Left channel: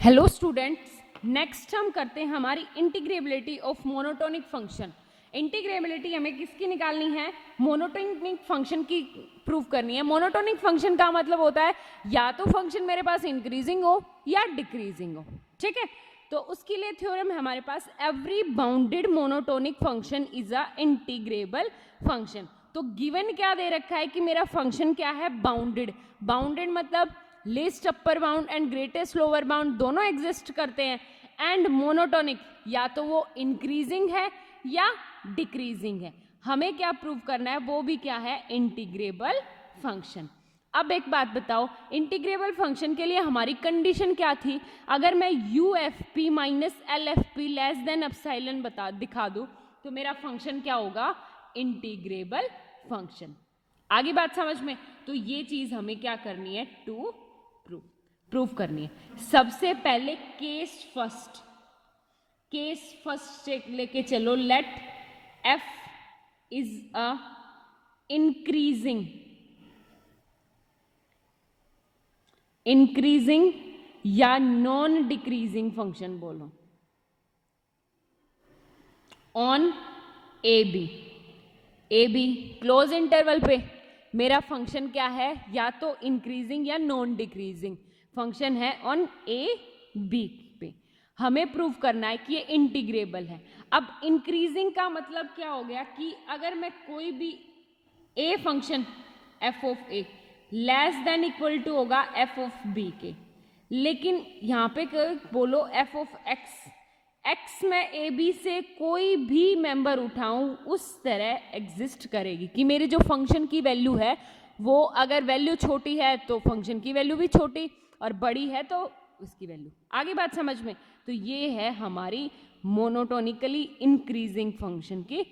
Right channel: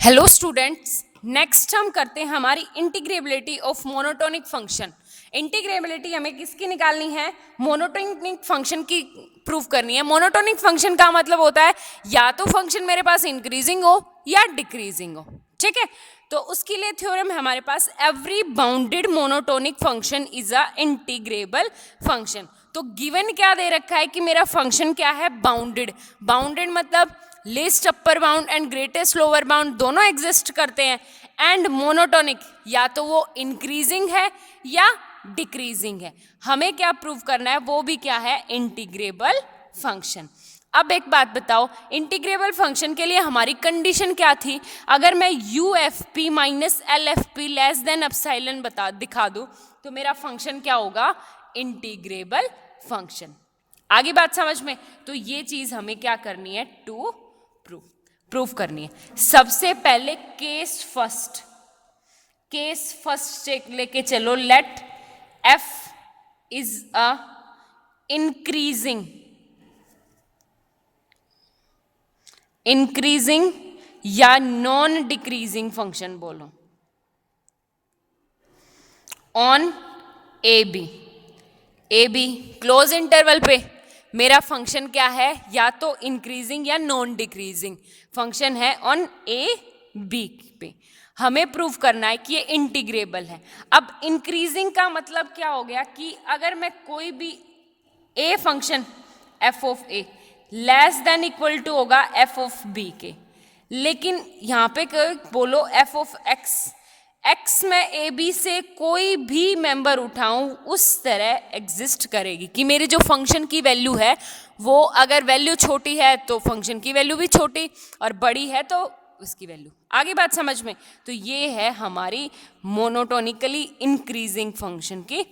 Hello students, next हम करते हैं हमारी integrability of monotonic function. Integrability हमें किसकी निकालनी है? मोनोटोनिक फंक्शन की प्रूफ करनी है। मोनोटोनिक फंक्शन का मतलब होता है या तो फंक्शन मेरे पास इंक्रीजिंग हो या डिक्रीजिंग हो। ठीक है, तो उसके लिए थ्योरम है हमारे पास, every bounded monotonic function is a integrable function. तो गिवन क्या दे रखा है कि मेरा फंक्शन क्या है? बाउंडेड। बाउंडेड मतलब least upper bound and greatest lower bound दोनों एग्जिस्ट करते हैं। एंड मोनोटोनिक, या तो वो इंक्रीजिंग है या डिक्रीजिंग है। हमें क्या प्रूव करना है? वो भी क्या है? Integrable function. अब एक बात बताओ, इंटीग्रेबल फंक्शन के लिए हमारी कंडीशन क्या थी? अगर मैं U F P minus L F P less than epsilon दिखा दूँ तो मेरा फंक्शन क्या होगा? Integrable function. आगे बात समझ में? तो ये चीज हमें क्या करनी है? टू प्रूफ करनी है। सबसे पहले केस फर्स्ट चेक लेके चलो। Let f is a increasing या नॉन डिक्रीजिंग फंक्शन बोलो on a b close interval पे मेरा फंक्शन क्या है? या तो इंक्रीजिंग या नॉन डिक्रीजिंग फंक्शन है ऑन ए बी पे। हमें प्रूव करना है कि ये इंटीग्रेबल है। अब इंक्रीजिंग का मतलब क्या हो गया कि अगर मैं कोई भी a function f of a less than equal to होगा एफ ऑफ बी के, लेकिन यहाँ पे बोलो एफ ऑफ एक्स में ए बी से कोई भी मेंबर उठाऊं उस तरह एग्जिस्ट करेगी कि मेरे जो फंक्शन की वैल्यू है वो अगर वैल्यू छोटी है तो फंक्शन की वैल्यू भी छोटी और बड़ी है तो उसकी वैल्यू। आगे बात समझ में? तो ये है हमारी मोनोटोनिकली इंक्रीजिंग फंक्शन की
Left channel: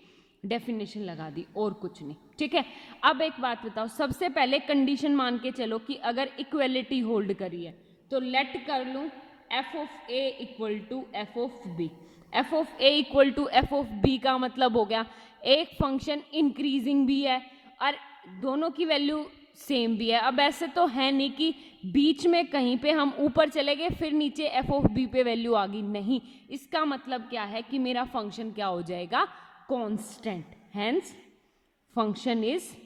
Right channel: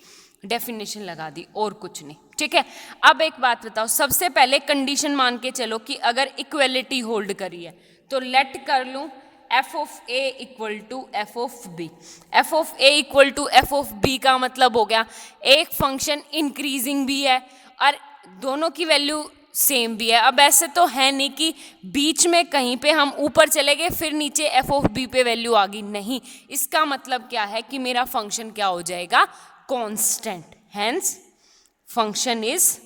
डेफिनेशन लगा दी, और कुछ नहीं। ठीक है, अब एक बात बताओ, सबसे पहले कंडीशन मान के चलो कि अगर इक्वलिटी होल्ड करी है तो लेट कर लूं f of a equal to f of b. F of a equal to f of b का मतलब हो गया एक फंक्शन इंक्रीजिंग भी है और दोनों की वैल्यू सेम भी है। अब ऐसे तो है नहीं कि बीच में कहीं पे हम ऊपर चले गए फिर नीचे एफ ऑफ बी पे वैल्यू आ गई, नहीं। इसका मतलब क्या है कि मेरा फंक्शन क्या हो जाएगा? Constant. Hence function is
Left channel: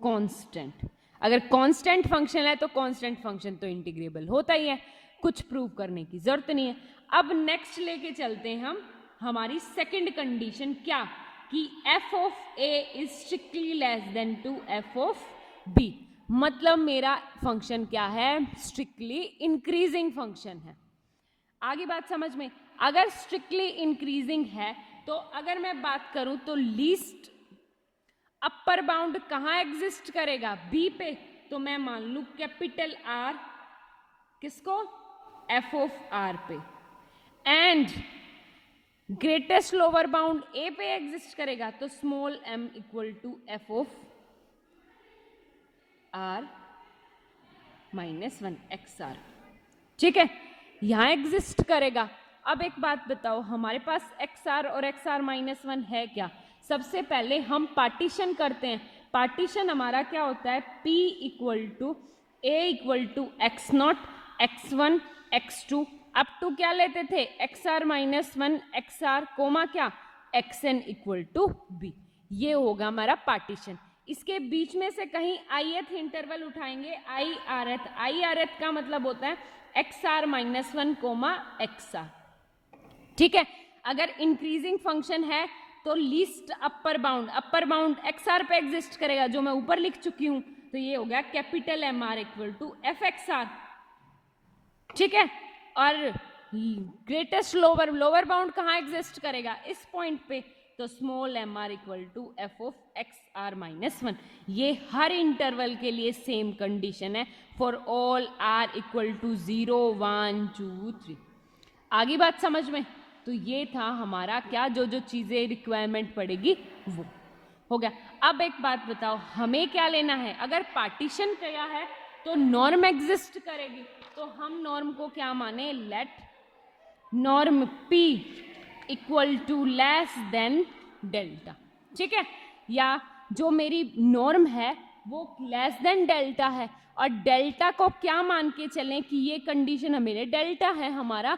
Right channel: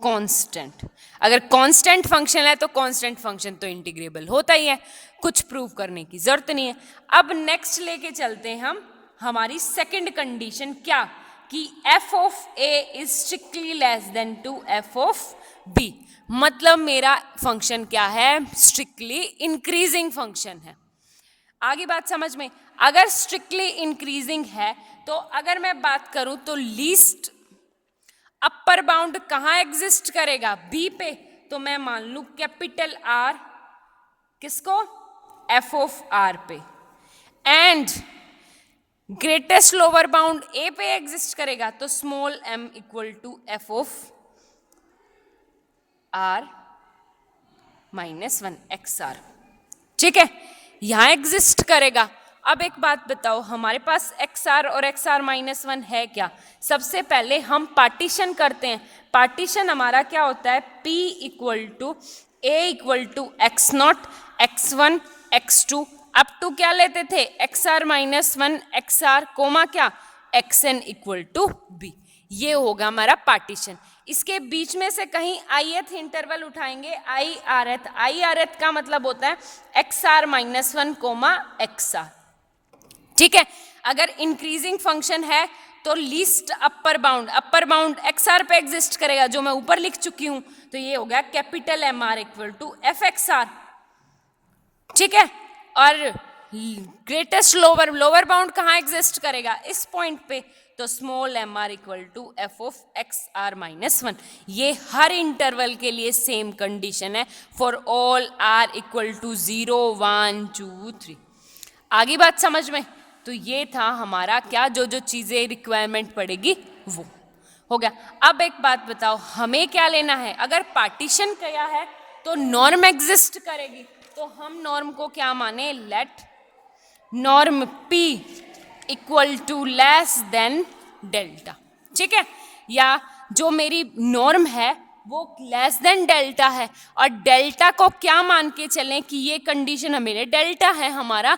constant. अगर कांस्टेंट फंक्शन है तो कांस्टेंट फंक्शन तो इंटीग्रेबल होता ही है, कुछ प्रूव करने की जरूरत नहीं है। अब नेक्स्ट लेके चलते हैं हम हमारी सेकंड कंडीशन, क्या कि f of a is strictly less than to f of b. मतलब मेरा फंक्शन क्या है? स्ट्रिक्टली इंक्रीजिंग फंक्शन है। आगे बात समझ में? अगर स्ट्रिक्टली इंक्रीजिंग है तो अगर मैं बात करूं तो लीस्ट अपर बाउंड कहाँ एग्जिस्ट करेगा? बी पे। तो मैं मान लूं कैपिटल आर किसको? एफ ऑफ आर पे। And greatest lower bound a पे एग्जिस्ट करेगा तो small m equal to f of r minus 1 x r. ठीक है, यहां एग्जिस्ट करेगा। अब एक बात बताओ, हमारे पास एक्स आर और एक्स आर माइनस 1 है क्या? सबसे पहले हम पार्टीशन करते हैं। पार्टीशन हमारा क्या होता है? P equal to a equal to x naught x one x two up to क्या लेते थे? X are minus 1 x r comma क्या? X n equal to b. ये होगा हमारा पार्टीशन। इसके बीच में से कहीं आईएथ इंटरवल उठाएंगे, आई आर एथ का मतलब होता है x are minus 1 comma x r. ठीक है, अगर इंक्रीजिंग फंक्शन है तो least upper bound x r पे एग्जिस्ट करेगा, जो मैं ऊपर लिख चुकी हूं। तो ये हो गया capital M r equal to f x r. ठीक है, और ग्रेटेस्ट लोअर बाउंड कहाँ एग्जिस्ट करेगा? इस पॉइंट पे। तो small M r equal to f of x are minus 1। ये हर इंटरवल के लिए सेम कंडीशन है for all r equal to 0 1 2 3। आगे बात समझ में? तो ये था हमारा क्या, जो चीजें रिक्वायरमेंट पड़ेगी वो हो गया। अब एक बात बताओ, हमें क्या लेना है? अगर पार्टीशन किया है तो नॉर्म एग्जिस्ट करेगी, तो हम नॉर्म को क्या माने? Let norm P equal to less than delta. ठीक है, या जो मेरी नॉर्म है वो लेस देन डेल्टा है, और डेल्टा को क्या मान के चलें कि ये कंडीशन हमें, डेल्टा है हमारा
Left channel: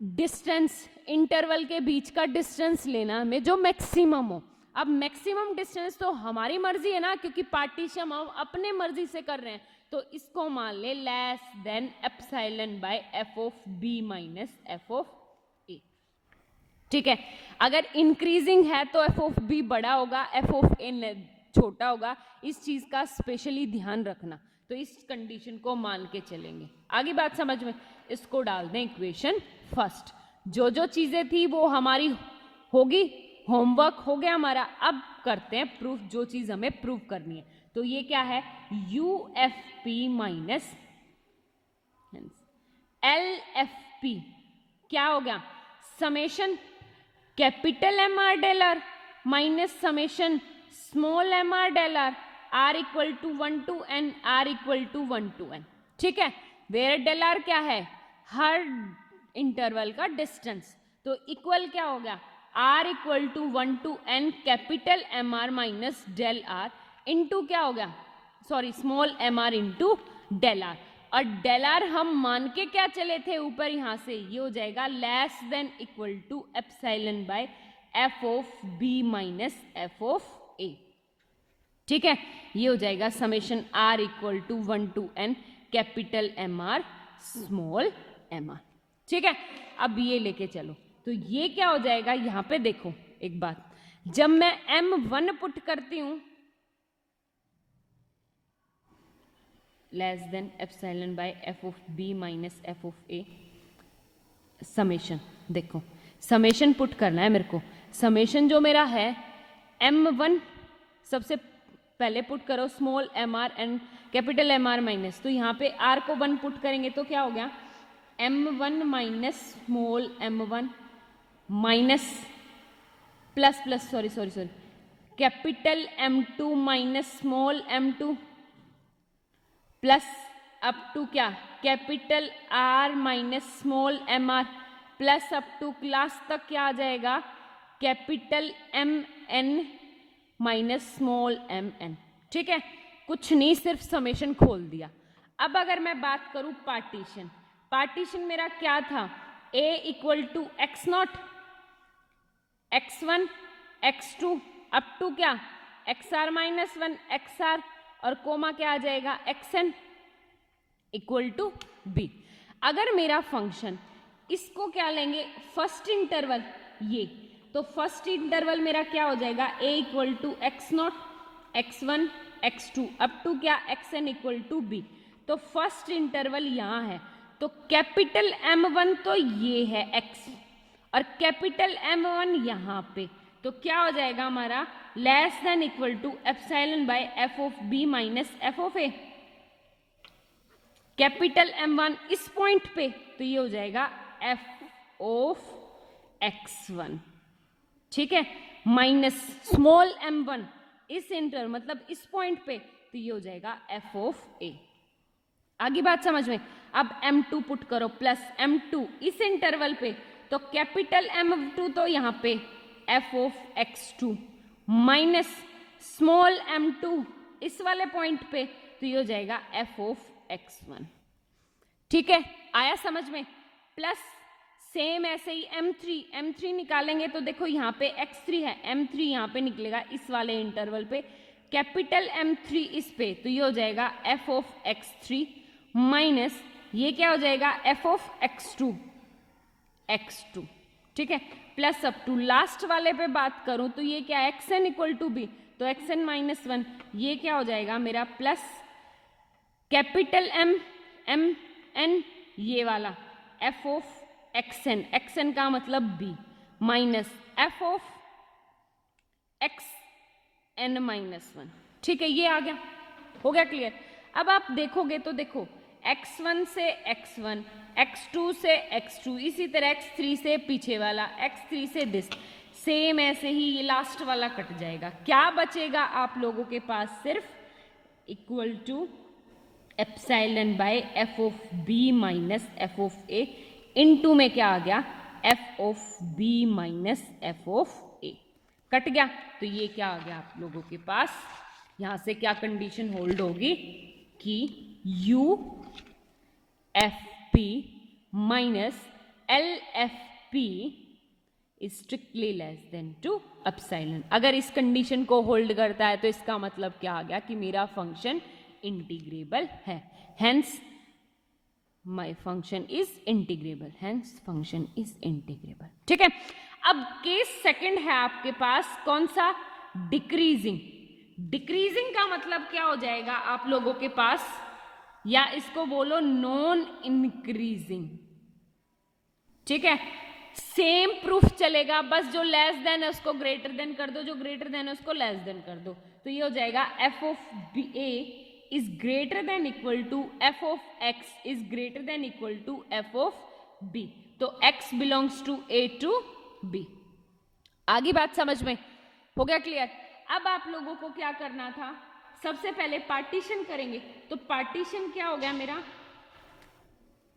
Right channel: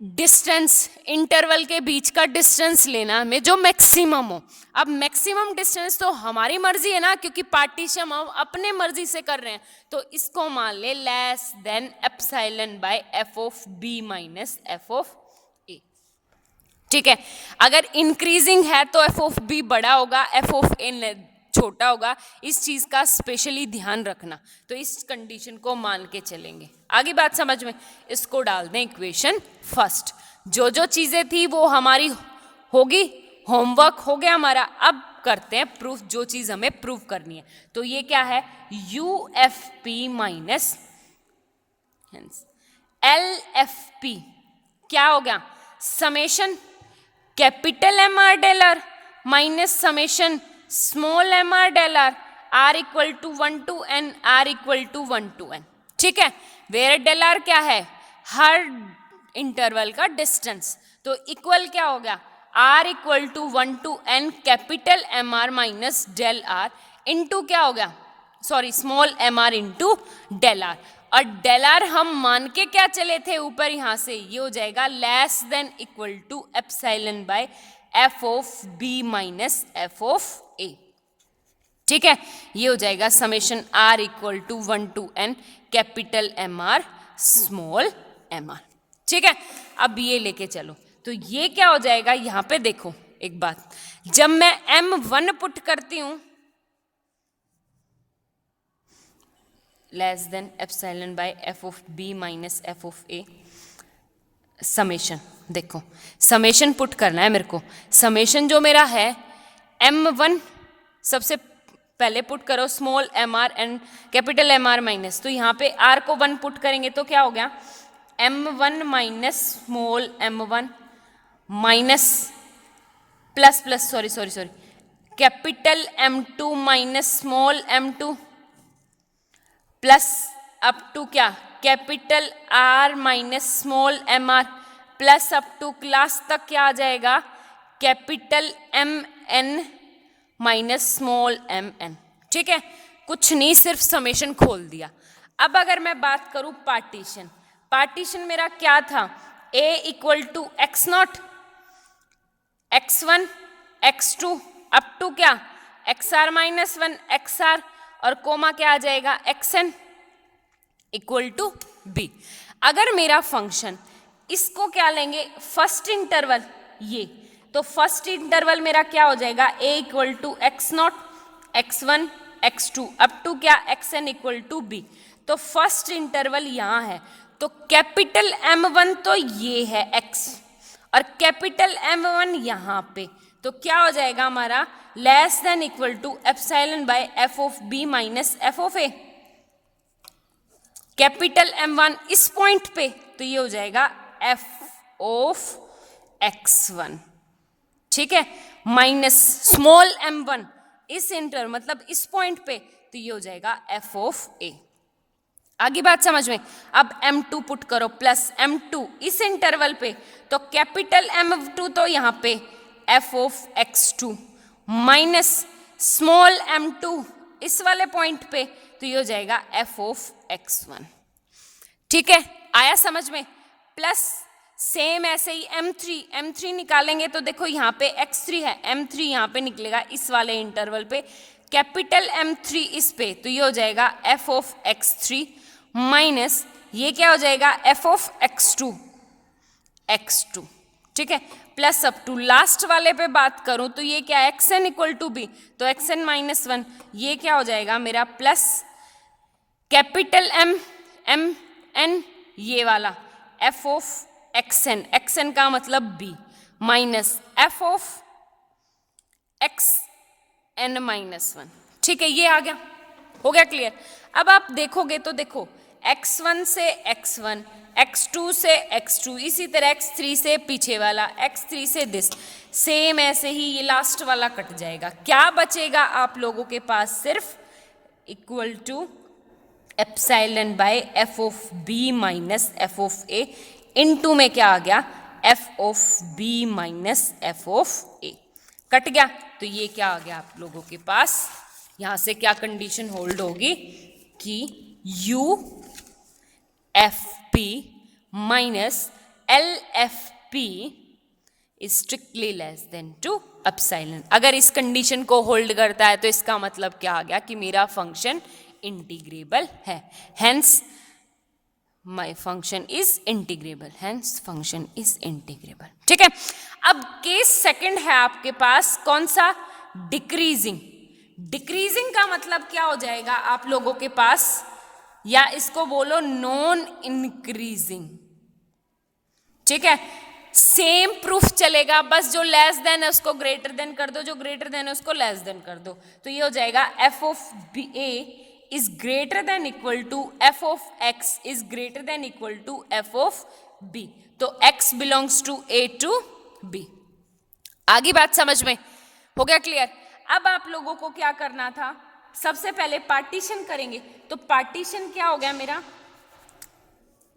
डिस्टेंस, इंटरवल के बीच का डिस्टेंस लेना हमें जो मैक्सिमम हो। अब मैक्सिमम डिस्टेंस तो हमारी मर्जी है ना, क्योंकि पार्टीशन हम अपने मर्जी से कर रहे हैं, तो इसको मान ले less than epsilon by F of B minus F of a. ठीक है, अगर इंक्रीजिंग है तो एफ ऑफ बी बड़ा होगा, एफ ऑफ ए छोटा होगा। इस चीज का स्पेशली ध्यान रखना, तो इस कंडीशन को मान के चलेंगे। आगे बात समझ में, इसको डाल दें इक्वेशन फर्स्ट। जो जो चीजें थी वो हमारी होगी, होमवर्क हो गया हमारा। अब करते हैं प्रूफ, जो चीज हमें प्रूफ करनी है। तो ये क्या है, U F P minus L F P क्या हो गया, summation capital M r del r minus summation small M r del r, r equal to 1 to n, r equal to 1 to n। ठीक है, वेयर डेल आर क्या है, हर interval का distance, तो इक्वल क्या हो गया, r equal to 1 to n capital M are minus del r into क्या हो गया, sorry small M r into del r. और डेल आर हम मान के क्या चले थे ऊपर, यहां से ये हो जाएगा less than equal to epsilon by F of B minus F of a. ठीक है, ये हो जाएगा summation r equal to 1 to n capital M r small M r. ठीक है, अब ये लेके चलो, तो ये क्या हो जाएगा, यहां पे देखो एक बात, जब मैं m1 पुट करती हूं less than epsilon by F of B minus F of A, summation देखो, समेशन पुट करना है मेरे को। समेशन जो मेरा है m1 सबसे पहले पुट करो small M R and capital M are minus, तो यहाँ पे r को 1 पुट करेंगे तो क्या हो गया, m1 minus small m1 minus plus plus sorry capital m2 minus small m2 plus up to क्या, capital R minus small M r plus up to class तक क्या आ जाएगा, capital M N minus small m n. ठीक है, कुछ नहीं, सिर्फ समेशन खोल दिया। अब अगर मैं बात करूं पार्टीशन, पार्टीशन मेरा क्या था, A equal to x naught x1 x2 up to क्या xr माइनस 1 xr, और कोमा क्या आ जाएगा xn इक्वल टू b। अगर मेरा फंक्शन, इसको क्या लेंगे फर्स्ट इंटरवल, ये तो फर्स्ट इंटरवल मेरा क्या हो जाएगा, a equal to x naught x1 x2 up to क्या xn इक्वल टू b। तो फर्स्ट इंटरवल यहाँ है, तो कैपिटल M1 तो ये है x, और कैपिटल M1 यहाँ पे, तो क्या हो जाएगा हमारा less than equal to epsilon by F of B minus F of A. Capital M1 इस पॉइंट पे, तो ये हो जाएगा एफ ऑफ x1। ठीक है, माइनस स्मॉल m1 इस इंटर मतलब इस पॉइंट पे, तो ये हो जाएगा एफ ऑफ ए। आगे बात समझ में। अब m2 पुट करो प्लस m2 इस इंटरवल पे, तो कैपिटल M2 तो यहाँ पे F of x2 minus small m2 इस वाले पॉइंट पे, तो ये हो जाएगा एफ ऑफ x1। ठीक है, आया समझ में। प्लस सेम ऐसे ही m3 निकालेंगे, तो देखो यहाँ पे x3 है, m3 यहाँ पे निकलेगा इस वाले इंटरवल पे, कैपिटल M3 इस पे, तो ये हो जाएगा एफ ऑफ x3 माइनस ये क्या हो जाएगा एफ ऑफ x2। ठीक है, प्लस अप टू लास्ट वाले पे बात करूं तो ये क्या xn इक्वल टू बी, तो xn माइनस 1, ये क्या हो जाएगा मेरा प्लस कैपिटल m n ये वाला एफ ऑफ xn का मतलब b minus F of xn minus 1। ठीक है, ये आ गया, हो गया क्लियर। अब आप देखोगे तो देखो x1 से x1, x2 से x2, इसी तरह x3 से पीछे वाला, x3 से दिस, सेम ऐसे ही ये लास्ट वाला कट जाएगा। क्या बचेगा आप लोगों के पास, सिर्फ equal to epsilon by F of B minus F of A, into में क्या आ गया F of B minus F of A, cut गया। तो ये क्या आ गया आप लोगों के पास यहां से क्या कंडीशन होल्ड होगी कि U F P minus L F P is strictly less than two epsilon. अगर इस कंडीशन को होल्ड करता है तो इसका मतलब क्या आ गया कि मेरा फंक्शन इंटीग्रेबल है, hence my function is integrable, hence function is integrable. ठीक है, अब केस सेकंड है आपके पास कौन सा, डिक्रीजिंग। डिक्रीजिंग का मतलब क्या हो जाएगा आप लोगों के पास, या इसको बोलो नॉन इंक्रीजिंग। ठीक है, सेम प्रूफ चलेगा, बस जो लेस देन है उसको ग्रेटर देन कर दो, जो ग्रेटर देन है उसको लेस देन कर दो, तो ये हो जाएगा F of B A is greater than equal to f of x is greater than equal to f of b। तो x belongs to a to b। आगे बात समझ में हो गया क्लियर। अब आप लोगों को क्या करना था, सबसे पहले पार्टीशन करेंगे। तो पार्टीशन क्या हो गया मेरा,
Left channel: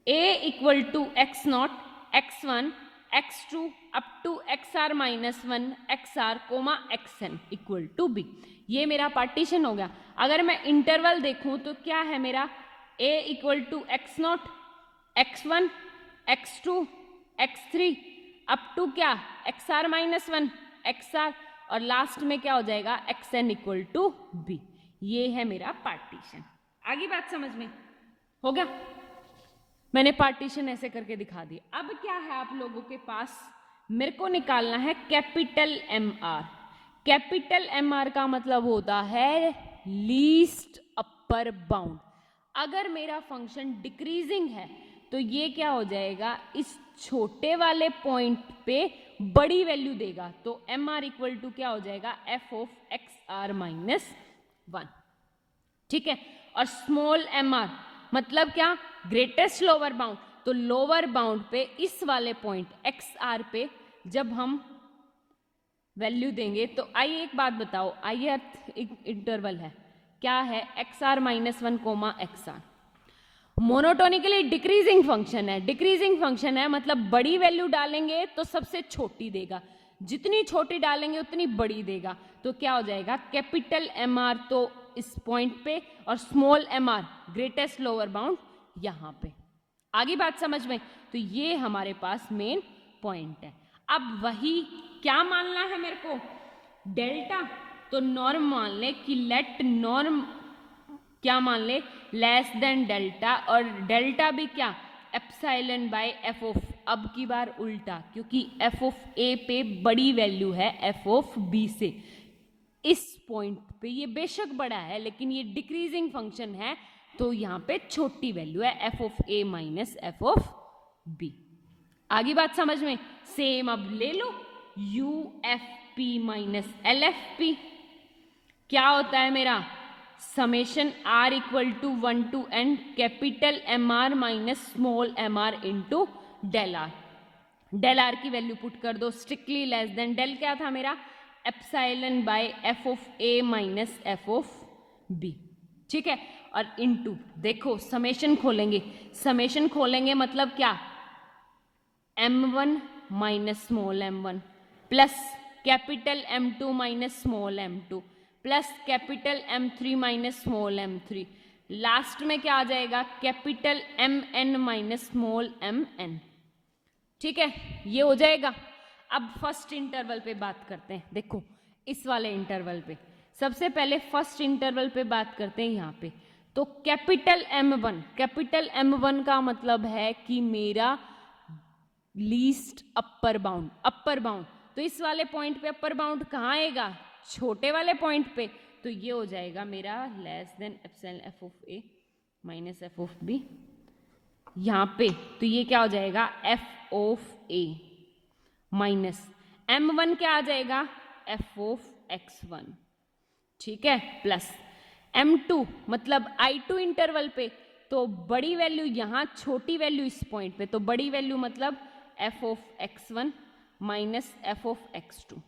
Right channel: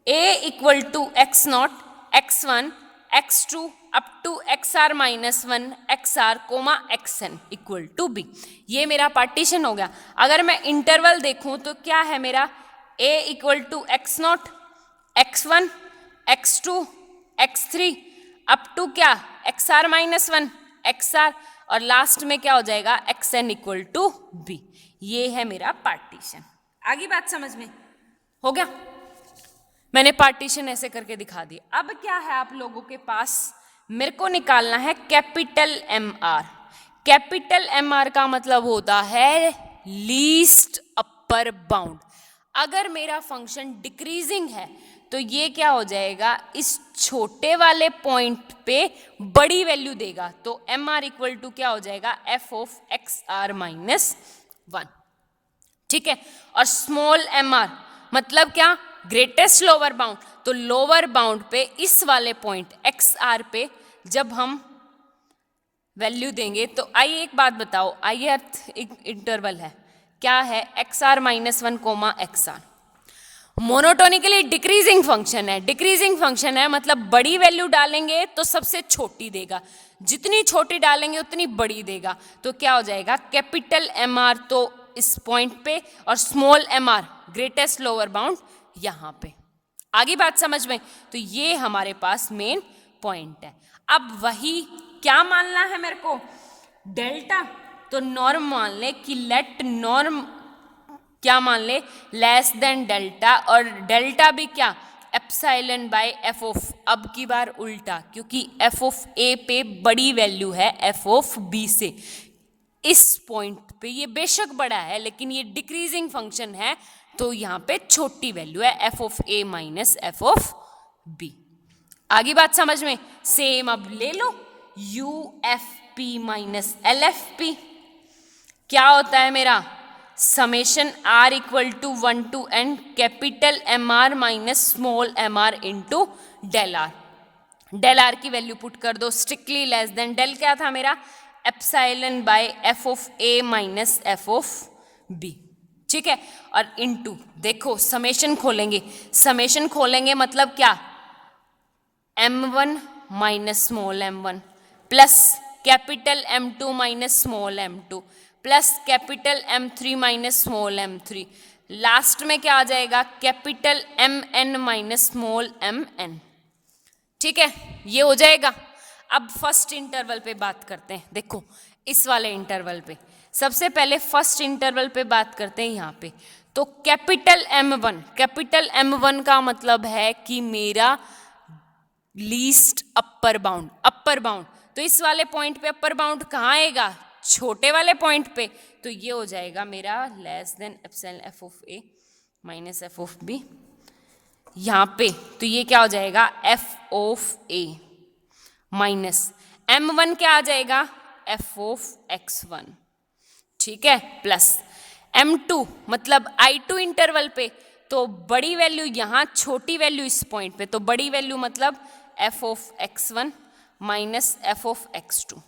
a equal to x naught x1 x2 up to xr minus 1 xr comma xn equal to b, ये मेरा पार्टीशन हो गया। अगर मैं इंटरवल देखूं तो क्या है मेरा, a equal to x naught x1 x2 x3 up to क्या xr माइनस 1 xr, और लास्ट में क्या हो जाएगा xn इक्वल टू b। ये है मेरा पार्टीशन। आगे बात समझ में हो गया, मैंने पार्टीशन ऐसे करके दिखा दी। अब क्या है आप लोगों के पास, मेरे को निकालना है capital M R. Capital M R का मतलब होता है लीस्ट अपर बाउंड। अगर मेरा फंक्शन डिक्रीजिंग है तो ये क्या हो जाएगा, इस छोटे वाले पॉइंट पे बड़ी वैल्यू देगा, तो एम आर इक्वल टू क्या हो जाएगा, F of x are minus 1। ठीक है, और स्मॉल एम आर मतलब क्या, ग्रेटेस्ट लोअर बाउंड। तो लोअर बाउंड पे इस वाले पॉइंट एक्स आर पे जब हम वैल्यू देंगे, तो आइए एक बात बताओ, आइए एक इंटरवल है, क्या है x are minus 1 comma x R, monotonically decreasing function है। डिक्रीजिंग फंक्शन है मतलब बड़ी वैल्यू डालेंगे तो सबसे छोटी देगा, जितनी छोटी डालेंगे उतनी बड़ी देगा। तो क्या हो जाएगा, कैपिटल एम आर तो इस पॉइंट पे और small M R greatest lower bound यहां पे। आगे बात समझ में, तो ये हमारे पास मेन पॉइंट है। अब वही क्या मानना है मेरे को, डेल्टा। तो नॉर्म मान ले कि लेट नॉर्म क्या मान ले, लेस देन डेल्टा, और डेल्टा भी क्या, एप्सिलॉन बाय एफ ऑफ। अब की बार उल्टा, क्योंकि एफ ऑफ ए पे बड़ी वैल्यू है एफ ऑफ बी से। इस पॉइंट पे ये बेशक बड़ा है लेकिन ये डिक्रीजिंग फंक्शन है, तो यहाँ पे छोटी वैल्यू है f of A minus F of b. आगे बात समझ में, सेम अब ले लो U F P minus L F P, क्या होता है मेरा, summation r equal to 1 to n capital M are minus small M r into del r. Del r की वैल्यू पुट कर दो, स्ट्रिक्टली लेस देन डेल क्या था मेरा, epsilon by F of A minus F of B. ठीक है, और into देखो समेशन खोलेंगे, समेशन खोलेंगे मतलब क्या, m1 minus small m1 plus capital m2 minus small m2 plus capital m3 minus small m3, last में क्या आ जाएगा, capital mn minus small mn। ठीक है, ये हो जाएगा। अब फर्स्ट इंटरवल पे बात करते हैं। देखो इस वाले इंटरवल पे सबसे पहले फर्स्ट इंटरवल पे बात करते हैं यहाँ पे। तो कैपिटल M1 का मतलब है कि मेरा least upper bound, upper bound. तो इस वाले पॉइंट पे अपर बाउंड कहाँ आएगा, छोटे वाले पॉइंट पे। तो ये हो जाएगा मेरा less than epsilon F of A minus F of B यहाँ पे। तो ये क्या हो जाएगा, F of A minus M1 क्या आ जाएगा, एफ ऑफ x1। ठीक है, प्लस M2 मतलब I2 इंटरवल पे, तो बड़ी वैल्यू यहाँ, छोटी वैल्यू इस पॉइंट पे, तो बड़ी वैल्यू मतलब F of x1 minus F of x2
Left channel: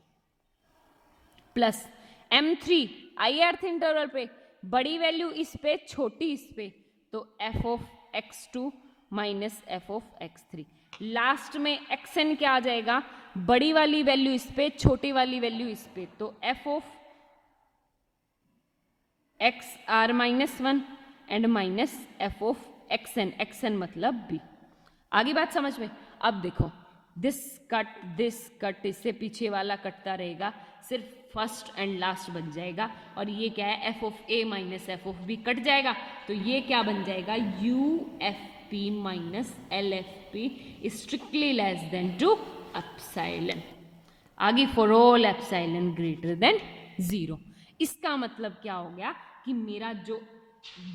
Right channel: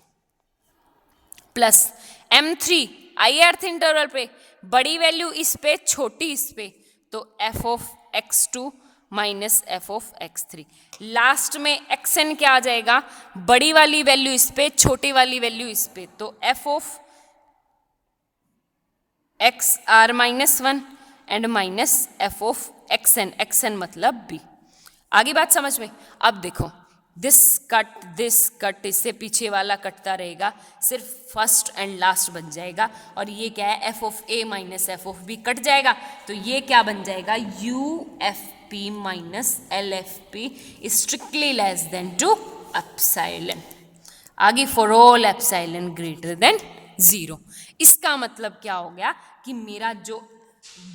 plus M3 ith interval पे, बड़ी वैल्यू इस पे, छोटी इस पे, तो F of x2 minus F of x3। Last में xn क्या आ जाएगा, बड़ी वाली वैल्यू इस पे, छोटी वाली वैल्यू इस पे, तो F of x are minus one and minus F of X N मतलब बी। आगे बात समझ में। अब देखो दिस कट इससे पीछे वाला कटता रहेगा, सिर्फ फर्स्ट एंड लास्ट बन जाएगा। और ये क्या है, f of A minus F of b cut जाएगा, तो ये क्या बन जाएगा, U F P minus L F P strictly less than two epsilon. आगे for all epsilon greater than 0। इसका मतलब क्या हो गया कि मेरा जो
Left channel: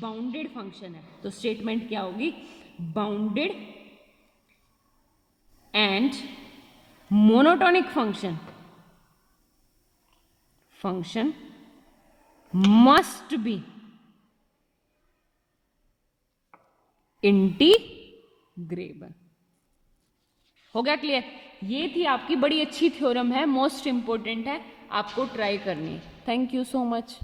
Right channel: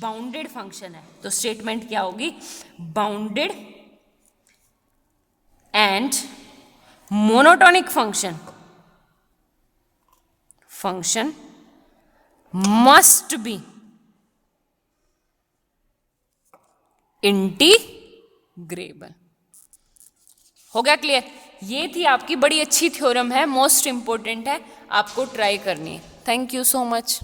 बाउंडेड फंक्शन है, तो स्टेटमेंट क्या होगी, bounded and monotonic function must be integrable. हो गया क्लियर। ये थी आपकी बड़ी अच्छी थ्योरम है, मोस्ट इंपॉर्टेंट है, आपको ट्राई करनी है। Thank you so much.